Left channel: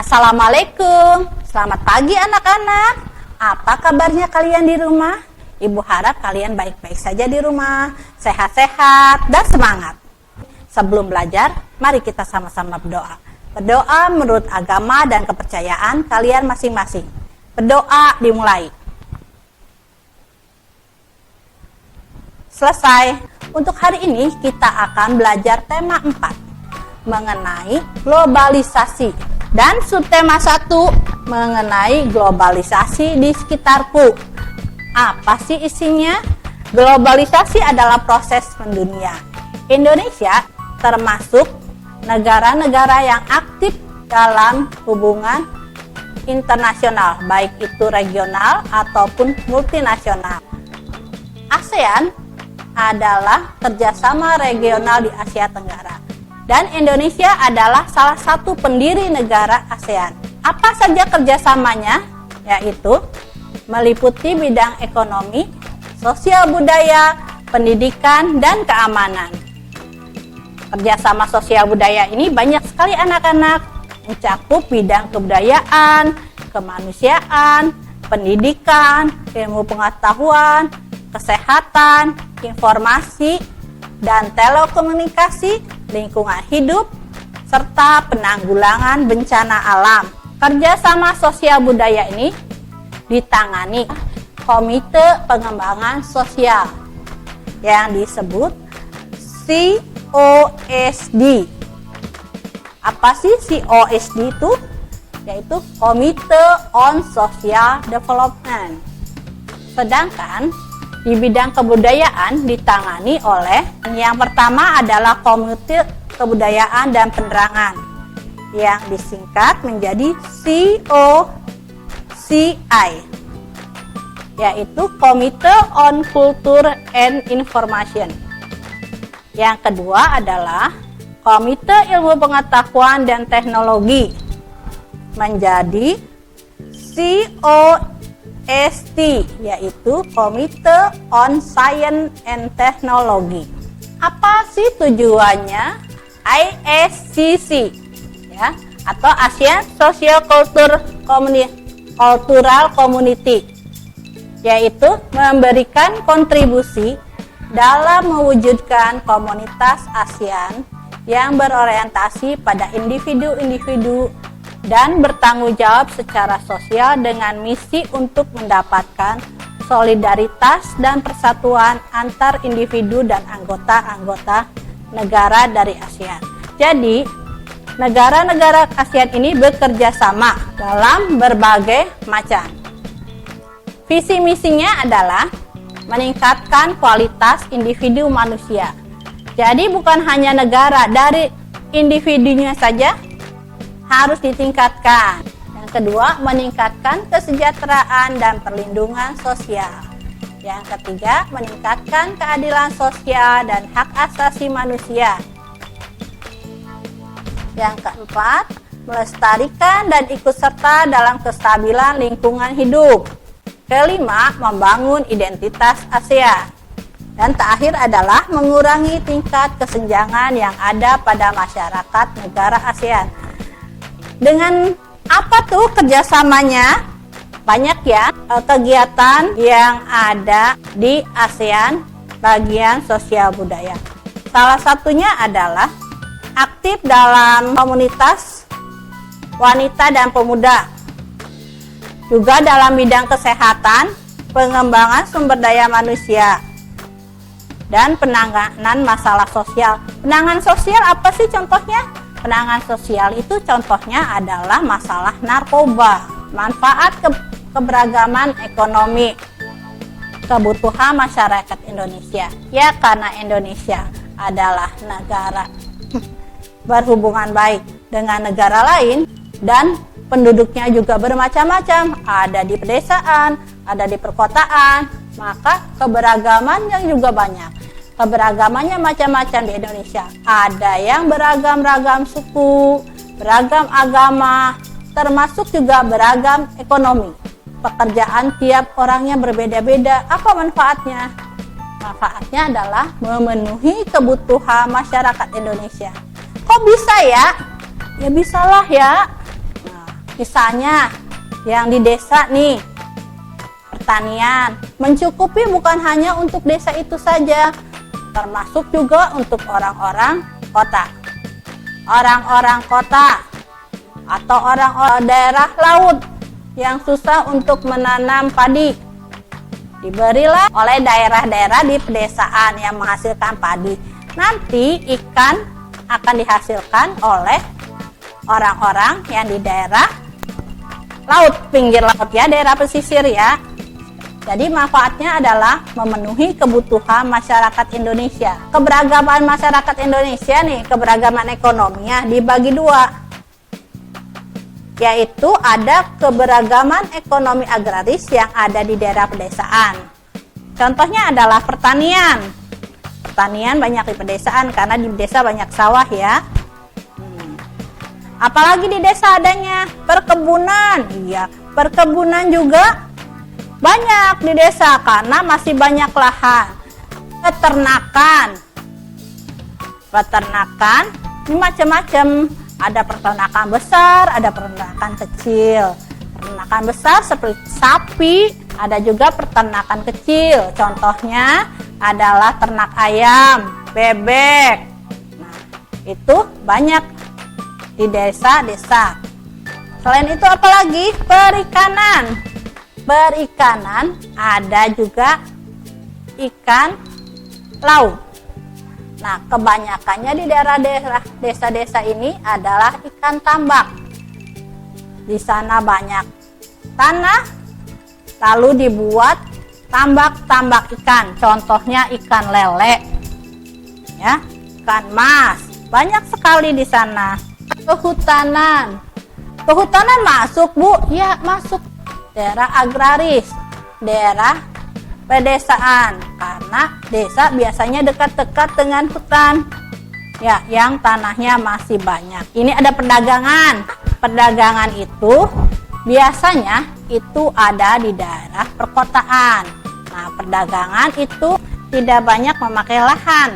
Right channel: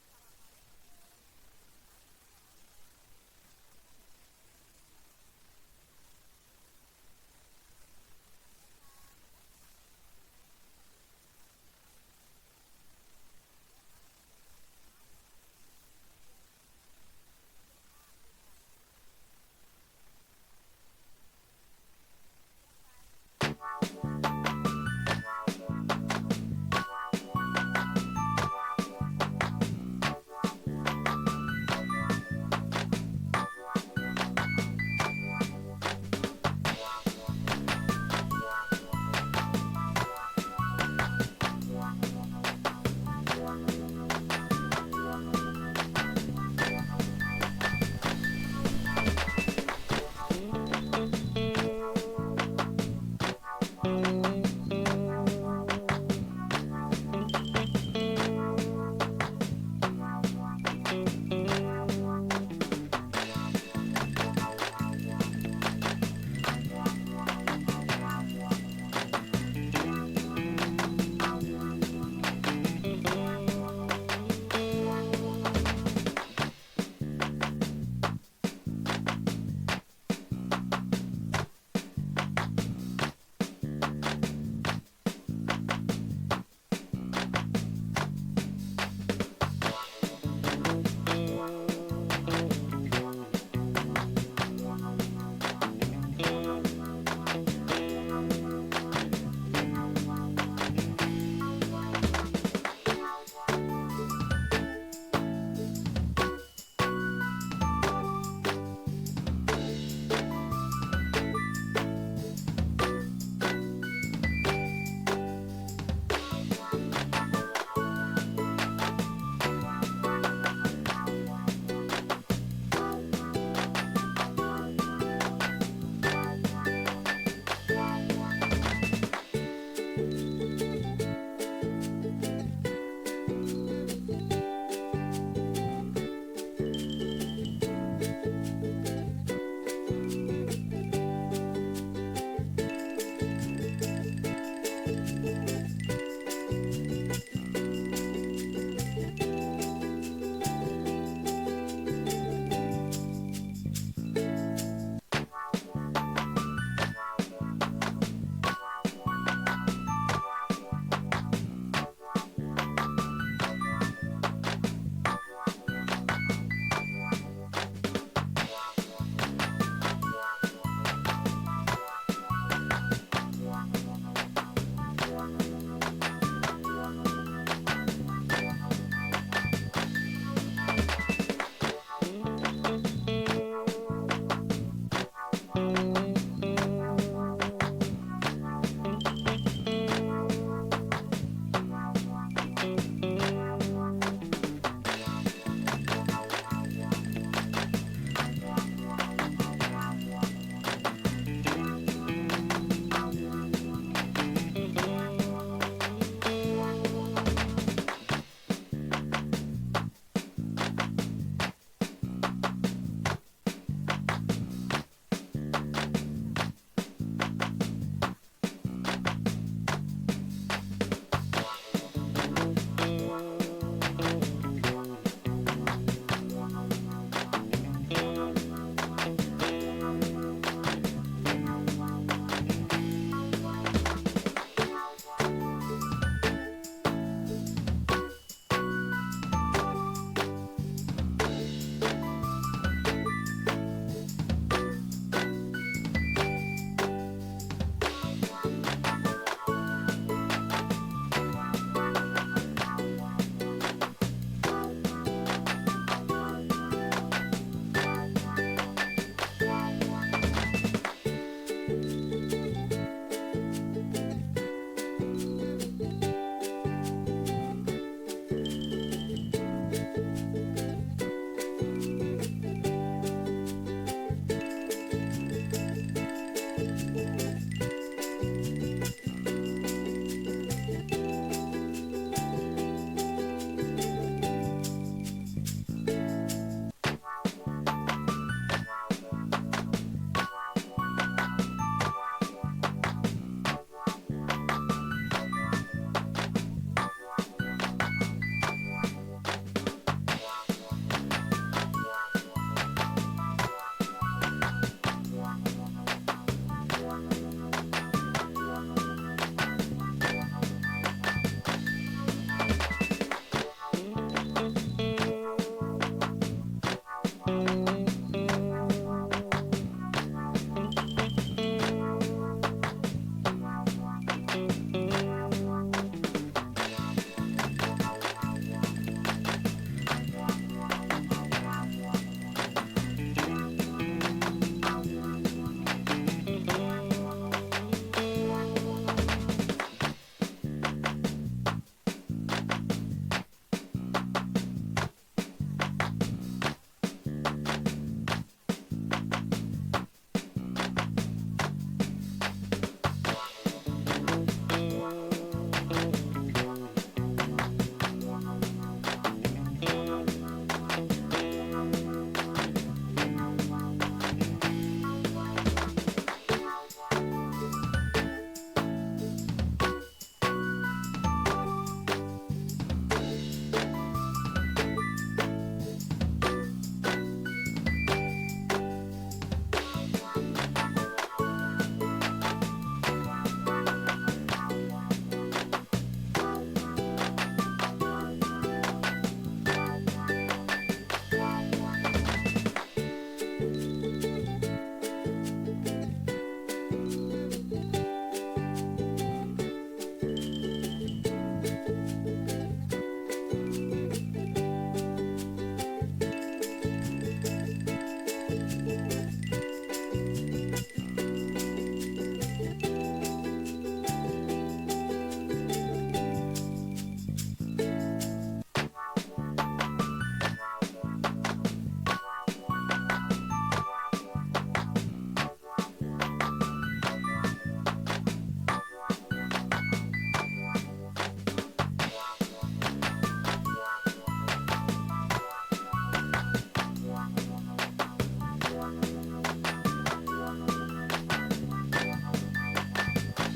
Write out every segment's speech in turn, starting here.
Assalamualaikum, selamat pagi anak-anak. Apa kabarnya kalian di rumah? Ibu harap kalian baik-baik saja di rumah, sehat-sehat dan semangat. Sebelum belajar, mari kita sama-sama berdoa. Berdoa menurut agama dan kepercayaan kalian masing-masing. Berdoa dimulai. Selesai. Untuk hari ini kita akan belajar tema 4 mengenai globalisasi. Dan subtema 1 mengenai globalisasi di sekitarku. Apa sih isinya? Globalisasi adalah proses mendunia. Indonesia termasuk negara-negara yang aktif dalam hubungan internasional, baik itu regional ataupun multinasional. ASEAN adalah kerjasama regional di Asia Tenggara. Dan Indonesia adalah salah satu pendiri negara ASEAN. Apa saja kerjasamanya? Yaitu meliputi bidang ekonomi, sosial budaya, pendidikan, dan keamanan. Kerjasama sosial budaya ini banyak sekali anak-anak, mencakup bidang kebudayaan, kemanusiaan, pendidikan, ilmu pengetahuan, kesehatan, informasi, dan telekomunikasi, lingkungan hidup, serta penanggulangan bencana alam. Kerjasama sosial budaya ini ditangani Komite Pengembangan Sosial yang disebut COSD. Apa sih COSD itu? Yaitu Komite on Social Development. Sedangkan di bidang kebudayaan ditangani oleh yang pertama adalah Komite Kebudayaan dan Penerangan yang disingkat menjadi COCI, yaitu Komite on Culture and Information. Yang kedua adalah Komite Ilmu Pengetahuan dan Teknologi menjadi COST, yaitu Komite on Science and Technology. Apa sih tujuannya ISCC, ya, atau ASEAN Social Cultural Community, yaitu memberikan kontribusi dalam mewujudkan komunitas ASEAN yang berorientasi pada individu-individu dan bertanggung jawab secara sosial dengan misi untuk mendapatkan solidaritas dan persatuan antar individu dan anggota-anggota negara dari ASEAN. Jadi, negara-negara ASEAN ini bekerja sama dalam berbagai macam. Visi misinya adalah meningkatkan kualitas individu manusia. Jadi bukan hanya negara, dari individunya saja harus ditingkatkan. Yang kedua, meningkatkan kesejahteraan dan perlindungan sosial. Yang ketiga, meningkatkan keadilan sosial dan hak asasi manusia. Yang keempat, melestarikan dan ikut serta dalam kestabilan lingkungan hidup. Kelima, membangun identitas ASEAN. Dan terakhir adalah mengurangi tingkat kesenjangan yang ada pada masyarakat negara ASEAN. Dengan apa tuh kerjasamanya? Banyak ya kegiatan yang ada di ASEAN bagian sosial budaya. Salah satunya adalah aktif dalam komunitas wanita dan pemuda. Juga dalam bidang kesehatan, pengembangan sumber daya manusia, dan penanganan masalah sosial. Penanganan sosial apa sih contohnya? Penanganan sosial itu contohnya adalah masalah narkoba, manfaat keberagaman ekonomi, kebutuhan masyarakat Indonesia. Ya, karena Indonesia adalah negara berhubungan baik dengan negara lain dan penduduknya juga bermacam-macam, ada di pedesaan, ada di perkotaan, maka keberagamannya juga banyak. Keberagamannya macam-macam di Indonesia. Ada yang beragam-ragam suku, beragam agama, termasuk juga beragam ekonomi. Pekerjaan tiap orangnya berbeda-beda. Apa manfaatnya? Manfaatnya adalah memenuhi kebutuhan masyarakat Indonesia. Kok bisa ya? Ya bisalah ya. Nah, Misalnya yang di desa nih, pertanian mencukupi bukan hanya untuk desa itu saja, termasuk juga untuk orang-orang kota. Orang-orang kota atau orang-orang daerah laut yang susah untuk menanam padi, diberilah oleh daerah-daerah di pedesaan yang menghasilkan padi. Nanti ikan akan dihasilkan oleh orang-orang yang di daerah laut, pinggir laut ya, daerah pesisir ya. Jadi manfaatnya adalah memenuhi kebutuhan masyarakat Indonesia. Keberagaman masyarakat Indonesia nih, keberagaman ekonominya dibagi dua, yaitu ada keberagaman ekonomi agraris yang ada di daerah pedesaan. Contohnya adalah pertanian. Pertanian banyak di pedesaan karena di desa banyak sawah ya. Apalagi di desa adanya perkebunan. Iya, perkebunan juga banyak di desa karena masih banyak lahan. Peternakan ini macam-macam. Ada peternakan besar, ada peternakan kecil. Peternakan besar seperti sapi, ada juga peternakan kecil. Contohnya adalah ternak ayam, bebek. Nah, itu banyak di desa-desa. Selain itu apalagi? Perikanan. Perikanan ada juga ikan laut. Nah, kebanyakannya di daerah-daerah desa-desa ini adalah ikan tambak. Di sana banyak tanah, lalu dibuat tambak-tambak ikan. Contohnya ikan lele, ya, ikan mas. Banyak sekali di sana. Kehutanan. Kehutanan masuk, Bu? Ya, masuk. Daerah agraris, daerah pedesaan, karena desa biasanya dekat-dekat dengan hutan ya, yang tanahnya masih banyak. Ini ada perdagangan. Perdagangan itu biasanya itu ada di daerah perkotaan. Nah, perdagangan itu tidak banyak memakai lahan.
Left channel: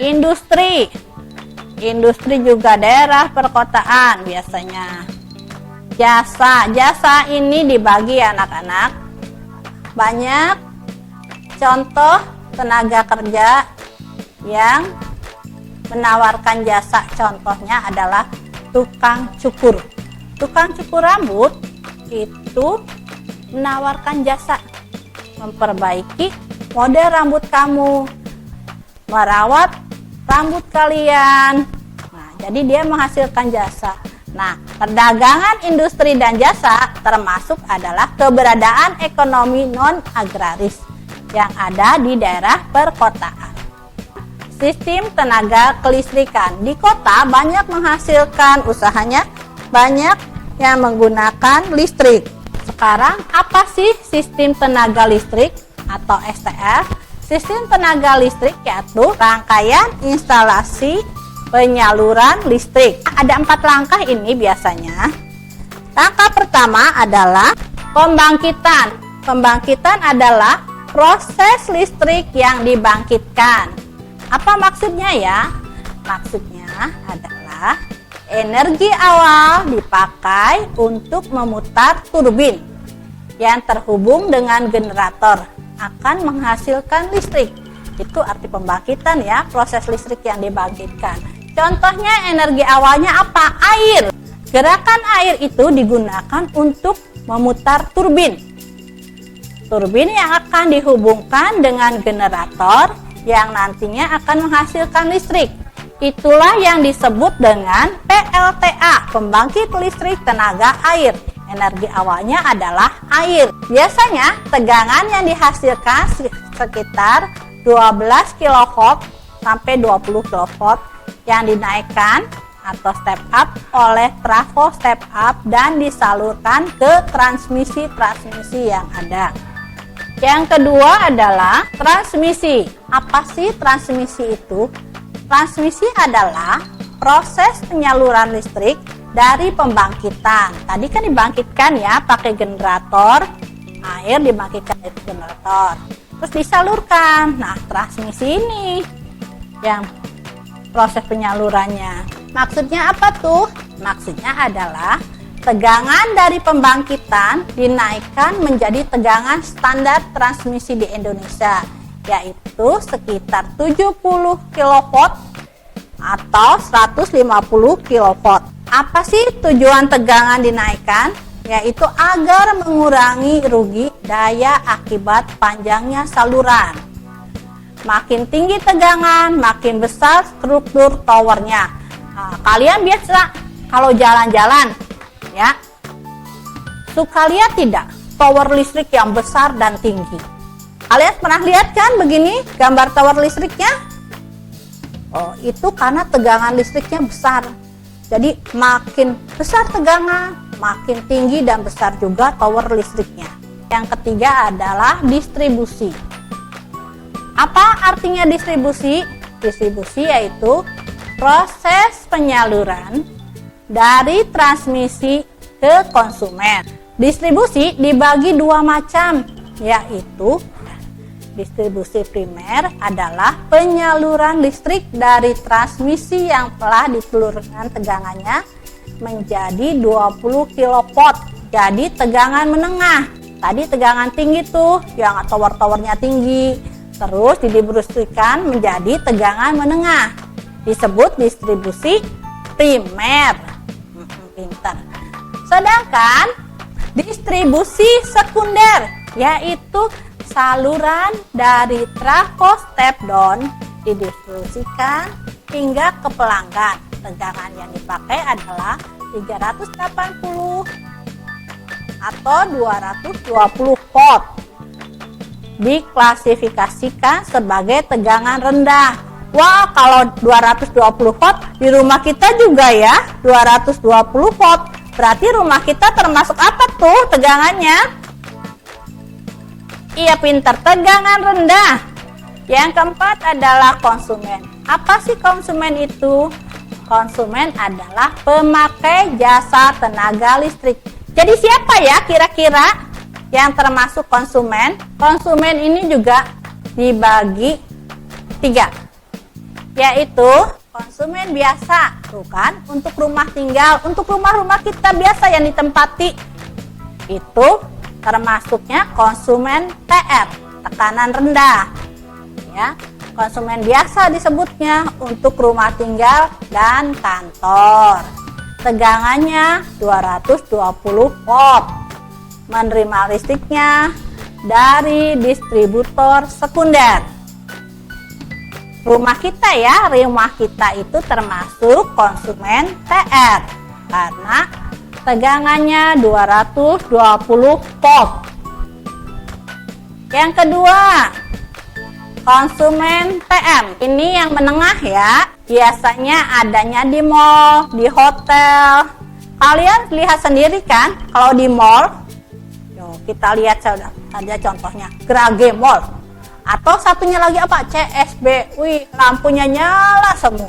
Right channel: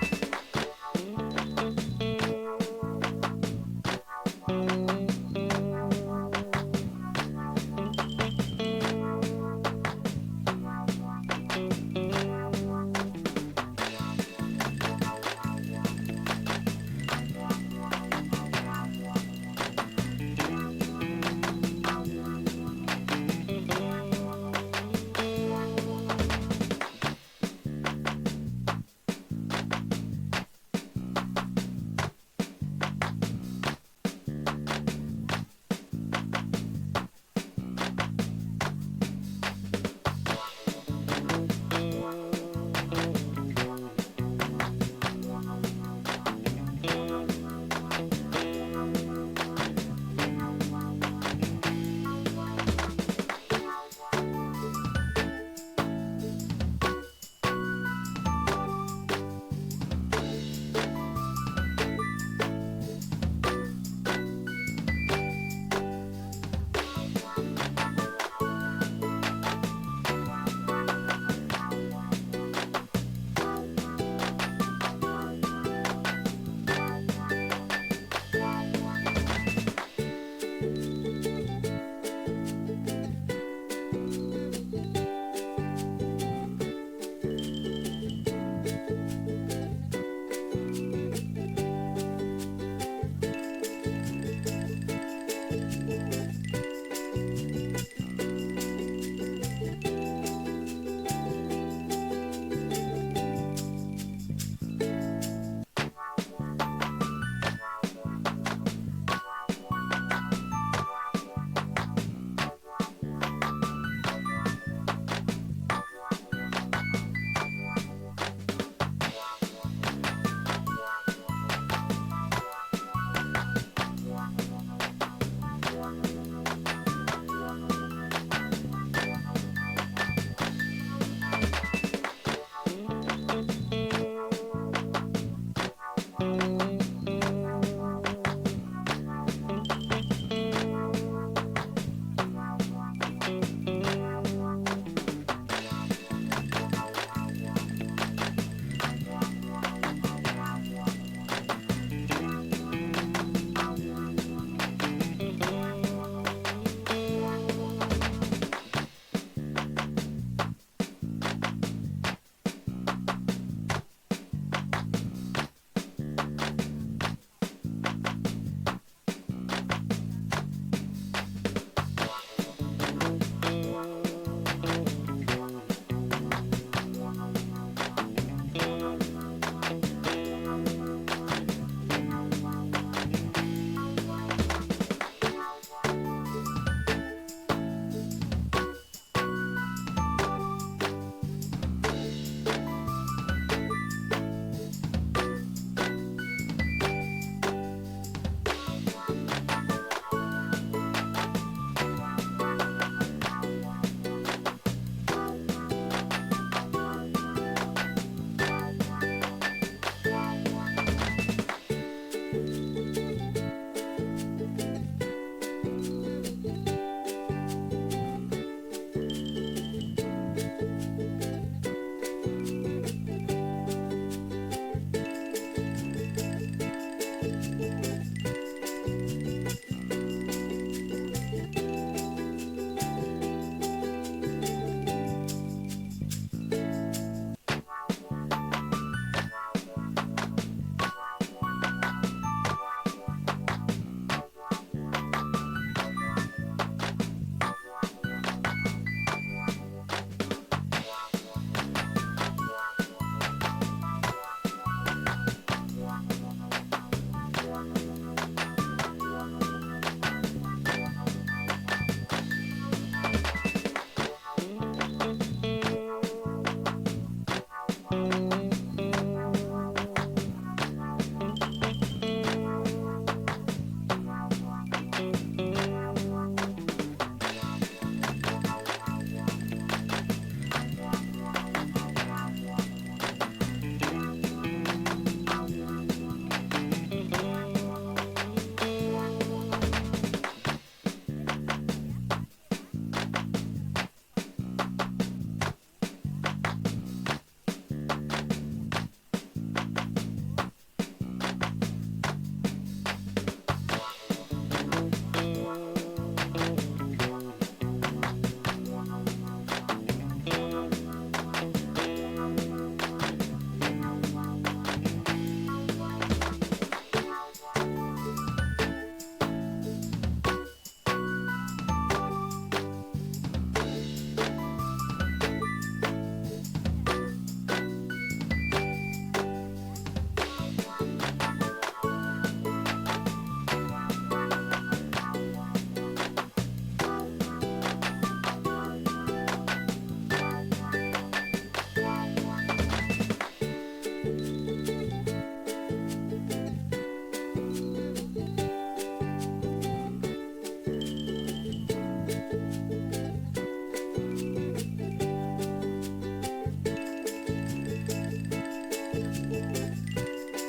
Industri juga daerah perkotaan biasanya. Jasa ini dibagi anak-anak. Banyak contoh tenaga kerja yang menawarkan jasa. Contohnya adalah tukang cukur. Tukang cukur rambut itu menawarkan jasa memperbaiki model rambut kamu, merawat rambut kalian. Nah, jadi dia menghasilkan jasa. Nah, perdagangan industri dan jasa termasuk adalah keberadaan ekonomi non-agraris yang ada di daerah perkotaan. Sistem tenaga kelistrikan. Di kota banyak menghasilkan usahanya, banyak yang menggunakan listrik. Sekarang apa sih sistem tenaga listrik atau STL? Sistem tenaga listrik yaitu rangkaian instalasi penyaluran listrik. Ada 4 langkah ini biasanya. Langkah pertama adalah pembangkitan. Pembangkitan adalah proses listrik yang dibangkitkan. Apa maksudnya ya? Maksudnya adalah energi awal dipakai untuk memutar turbin yang terhubung dengan generator akan menghasilkan listrik. Itu arti pembangkitan ya, proses listrik yang dibangkitkan. Contohnya energi awalnya apa? Air. Gerakan air itu digunakan untuk memutar turbin. Turbin yang akan dihubungkan dengan generator yang nantinya akan menghasilkan listrik. Itulah yang disebut dengan PLTA, pembangkit listrik tenaga air. Energi awalnya adalah air. Biasanya tegangan yang dihasilkan sekitar 12 kV sampai 20 kV yang dinaikkan atau step up oleh trafo step up dan disalurkan ke transmisi yang ada. Yang kedua adalah transmisi. Apa sih transmisi itu? Transmisi adalah proses penyaluran listrik dari pembangkitan. Tadi kan dibangkitkan ya pakai generator, air dibangkitkan dari generator, terus disalurkan. Nah, transmisi ini yang proses penyalurannya. Maksudnya apa tuh? Maksudnya adalah Tegangan dari pembangkitan dinaikkan menjadi tegangan standar transmisi di Indonesia, yaitu sekitar 70 kV atau 150 kV. Apa sih tujuan tegangan dinaikkan? Yaitu agar mengurangi rugi daya akibat panjangnya saluran. Makin tinggi tegangan, makin besar struktur towernya. Nah, kalian biasa kalau jalan-jalan, ya, suka lihat tidak tower listrik yang besar dan tinggi? Kalian pernah lihat kan begini gambar tower listriknya? Oh, itu karena tegangan listriknya besar. Jadi makin besar tegangan, makin tinggi dan besar juga tower listriknya. Yang ketiga adalah distribusi. Apa artinya distribusi? Distribusi yaitu proses penyaluran dari transmisi ke konsumen. Distribusi dibagi dua macam, yaitu distribusi primer adalah penyaluran listrik dari transmisi yang telah diseluruhkan tegangannya menjadi 20 kV. Jadi tegangan menengah. Tadi tegangan tinggi tuh, yang tower-towernya tinggi. Terus didistribusikan menjadi tegangan menengah. Disebut distribusi primer. Pintar. Sedangkan distribusi sekunder yaitu saluran dari trafo step down didistribusikan hingga ke pelanggan. Tegangan yang dipakai adalah 380 atau 220 volt. Diklasifikasikan sebagai tegangan rendah. Wah, kalau 220 volt di rumah kita juga ya, 220 volt. Berarti rumah kita termasuk apa tuh tegangannya? Iya, pintar, tegangan rendah. Yang keempat adalah konsumen. Apa sih konsumen itu? Konsumen adalah pemakai jasa tenaga listrik. Jadi siapa ya kira-kira yang termasuk konsumen? Konsumen ini juga dibagi 3, yaitu konsumen biasa, bukan untuk rumah tinggal, untuk rumah-rumah kita biasa yang ditempati. Itu termasuknya konsumen TR, tekanan rendah. Ya, konsumen biasa disebutnya untuk rumah tinggal dan kantor. Tegangannya 220 volt. Menerima listriknya dari distributor sekunder. Rumah kita ya, rumah kita itu termasuk konsumen TR karena tegangannya 220 volt. Yang kedua, konsumen TM. Ini yang menengah ya. Biasanya adanya di mall, di hotel. Kalian lihat sendiri kan kalau di mall. Kita lihat saja contohnya Grage Mall. Atau satunya lagi apa? CSB. Wih, lampunya nyala semua.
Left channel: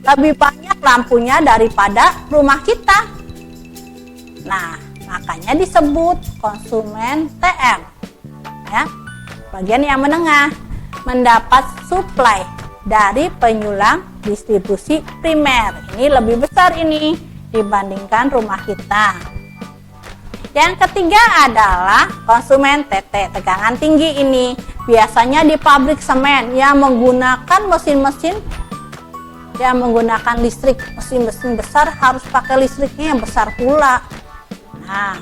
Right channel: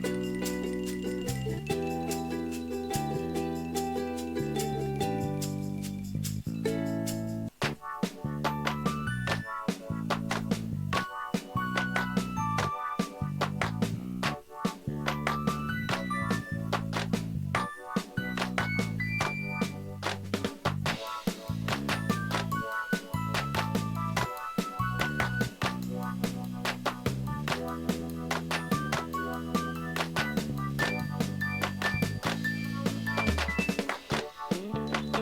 Lebih banyak lampunya daripada rumah kita. Nah, makanya disebut konsumen TM. Ya, bagian yang menengah mendapat suplai dari penyulang distribusi primer. Ini lebih besar ini dibandingkan rumah kita. Yang ketiga adalah konsumen TT, tegangan tinggi ini. Biasanya di pabrik semen yang menggunakan mesin-mesin yang menggunakan listrik. Mesin-mesin besar harus pakai listriknya yang besar pula. Nah,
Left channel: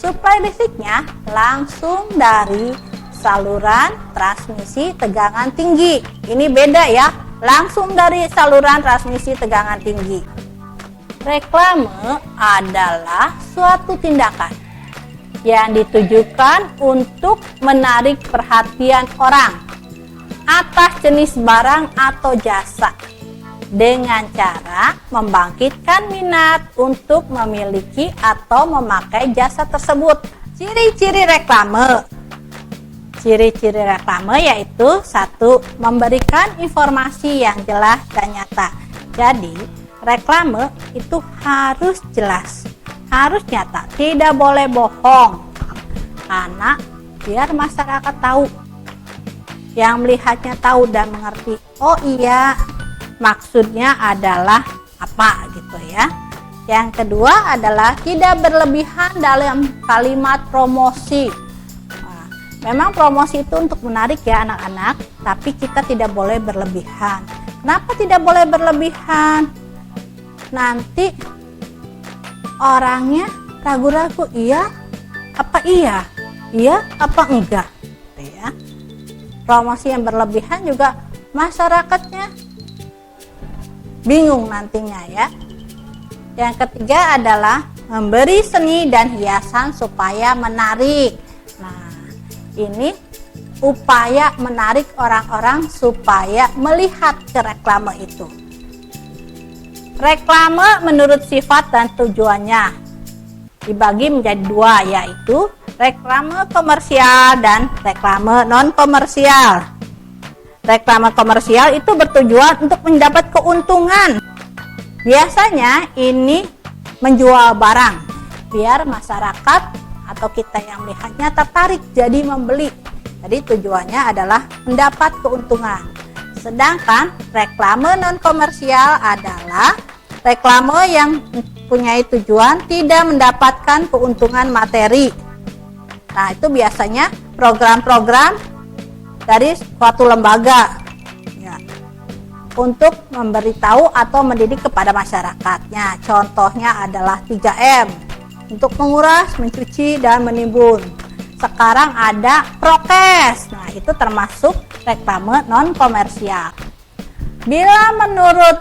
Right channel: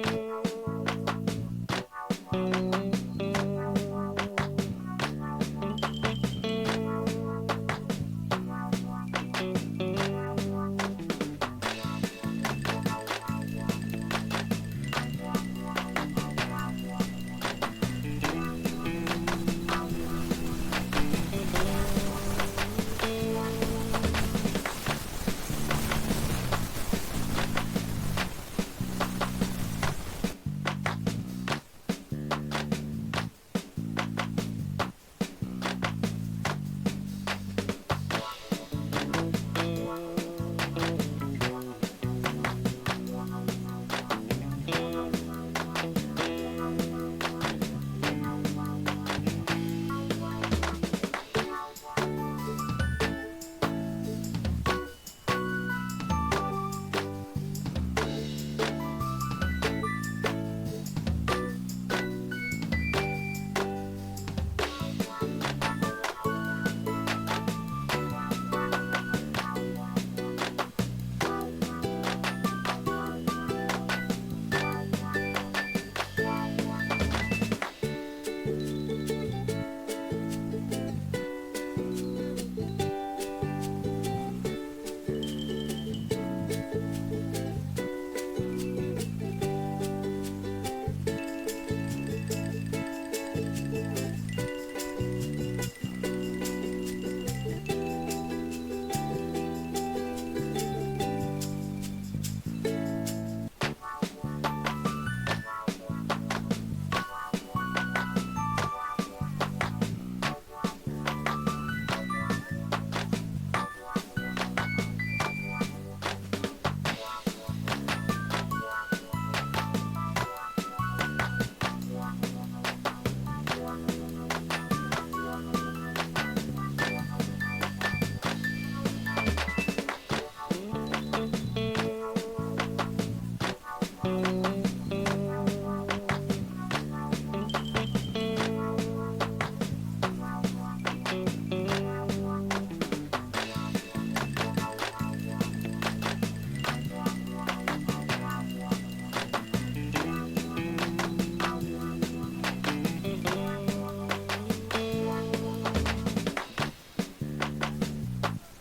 suplai listriknya langsung dari saluran transmisi tegangan tinggi. Ini beda ya, langsung dari saluran transmisi tegangan tinggi. Reklame adalah suatu tindakan yang ditujukan untuk menarik perhatian orang atas jenis barang atau jasa dengan cara membangkitkan minat untuk memiliki atau memakai jasa tersebut. Ciri-ciri reklame. Ciri-ciri reklame yaitu 1. Memberikan informasi yang jelas dan nyata. Jadi, reklame itu harus jelas, harus nyata, tidak boleh bohong. Karena biar masyarakat tahu, yang melihatnya tahu dan mengerti, oh iya, maksudnya adalah apa gitu ya. Yang kedua adalah tidak berlebihan dalam kalimat promosi. Nah, memang promosi itu untuk menarik ya anak-anak, tapi kita tidak boleh berlebihan. Kenapa tidak boleh berlebihan? Nanti orangnya ragu-ragu, iya apa iya apa enggak ya. Promosi yang berlebihan juga masyarakatnya bingung nantinya ya. Yang ketiga adalah memberi seni dan hiasan supaya menarik. Nah, ini upaya menarik orang-orang supaya melihat ke reklame itu. Reklame menurut sifat dan tujuannya dibagi menjadi dua, yaitu reklame komersial dan reklame non-komersial. Reklame komersial itu bertujuan untuk mendapat keuntungan. Biasanya ini menjual barang biar masyarakat atau kita yang melihatnya tertarik jadi membeli. Jadi tujuannya adalah mendapat keuntungan. Sedangkan reklame non komersial adalah reklame yang mempunyai tujuan tidak mendapatkan keuntungan materi. Nah, itu biasanya program-program dari suatu lembaga untuk memberitahu atau mendidik kepada masyarakatnya. Contohnya adalah 3M untuk menguras, mencuci, dan menimbun. Sekarang ada prokes. Nah, itu termasuk reklame non komersial. Bila menurut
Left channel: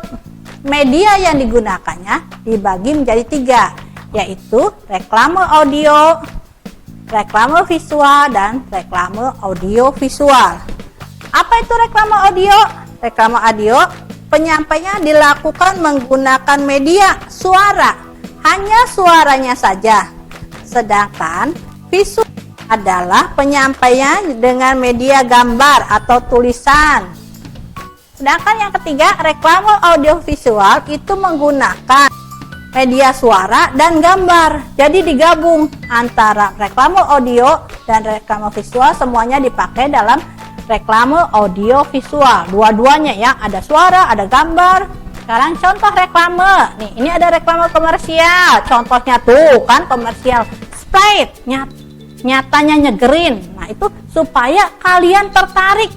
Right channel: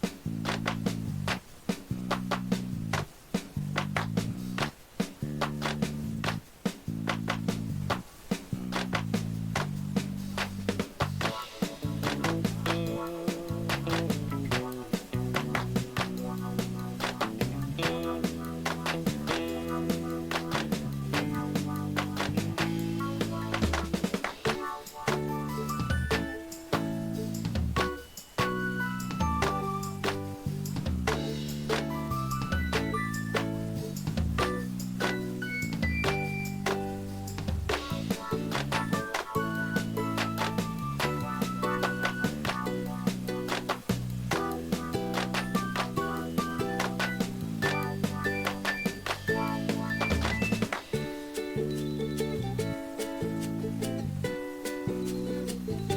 media yang digunakannya dibagi menjadi 3, yaitu reklame audio, reklame visual, dan reklame audio visual. Apa itu reklame audio? Reklame audio penyampainya dilakukan menggunakan media suara, hanya suaranya saja. Sedangkan visual adalah penyampaian dengan media gambar atau tulisan. Sedangkan yang ketiga, reklame audio visual itu menggunakan media suara dan gambar. Jadi digabung antara reklame audio dan reklame visual, semuanya dipakai dalam reklame audio visual. Dua-duanya ya, ada suara, ada gambar. Sekarang contoh reklame. Nih, ini ada reklame komersial. Contohnya tuh kan komersial Sprite, nyatanya nyegerin. Nah, itu supaya kalian tertarik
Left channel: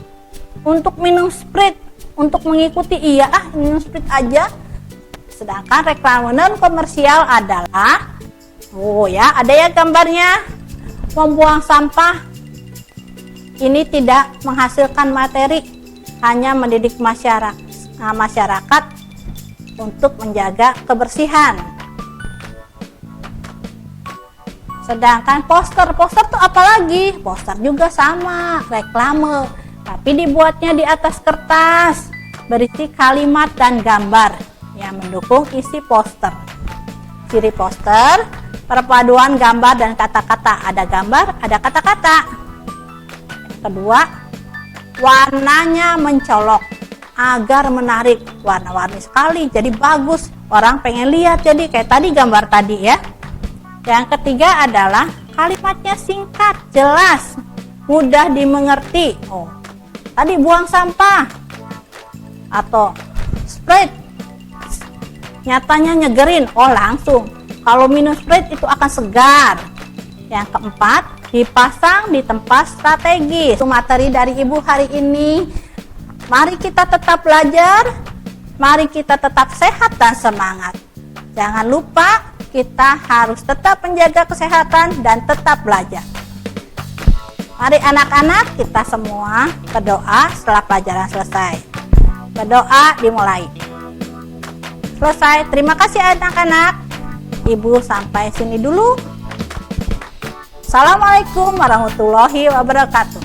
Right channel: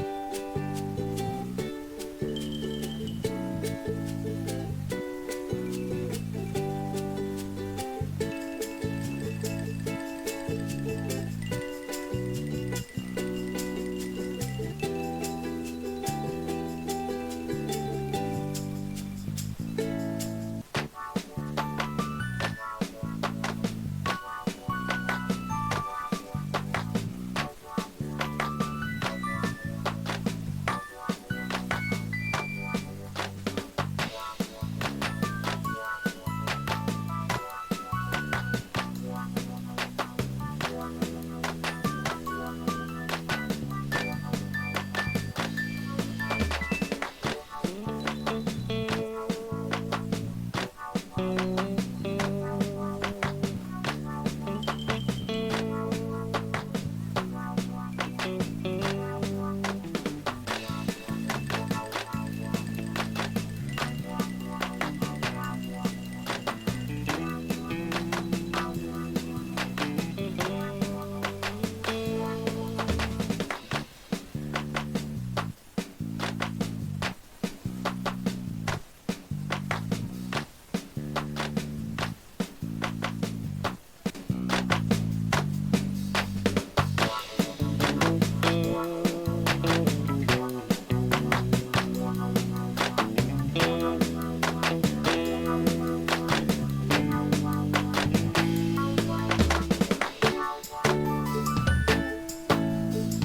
untuk minum Sprite, untuk mengikuti minum Sprite aja. Sedangkan reklame non komersial adalah ada ya gambarnya, membuang sampah. Ini tidak menghasilkan materi, hanya mendidik masyarakat untuk menjaga kebersihan. Sedangkan poster tuh apalagi? Poster juga sama, reklame, tapi dibuatnya di atas kertas, berisi kalimat dan gambar yang mendukung isi poster. Ciri poster, perpaduan gambar dan kata-kata. Ada gambar, ada kata-kata. Kedua, warnanya mencolok agar menarik, warna-warni sekali, jadi bagus, orang pengen lihat, jadi kayak tadi gambar tadi ya. Yang ketiga adalah kalimatnya singkat, jelas, mudah dimengerti. Tadi buang sampah atau Sprite nyatanya nyegerin, langsung kalau minum Sprite itu akan segar. Yang keempat, dipasang di tempat strategis. Itu materi dari Ibu hari ini. Mari kita tetap belajar, mari kita tetap sehat dan semangat. Jangan lupa kita harus tetap menjaga kesehatan dan tetap belajar. Mari anak-anak, kita semua berdoa setelah pelajaran selesai. Berdoa dimulai. Selesai. Terima kasih anak-anak. Ibu sampai sini dulu. Assalamualaikum warahmatullahi wabarakatuh.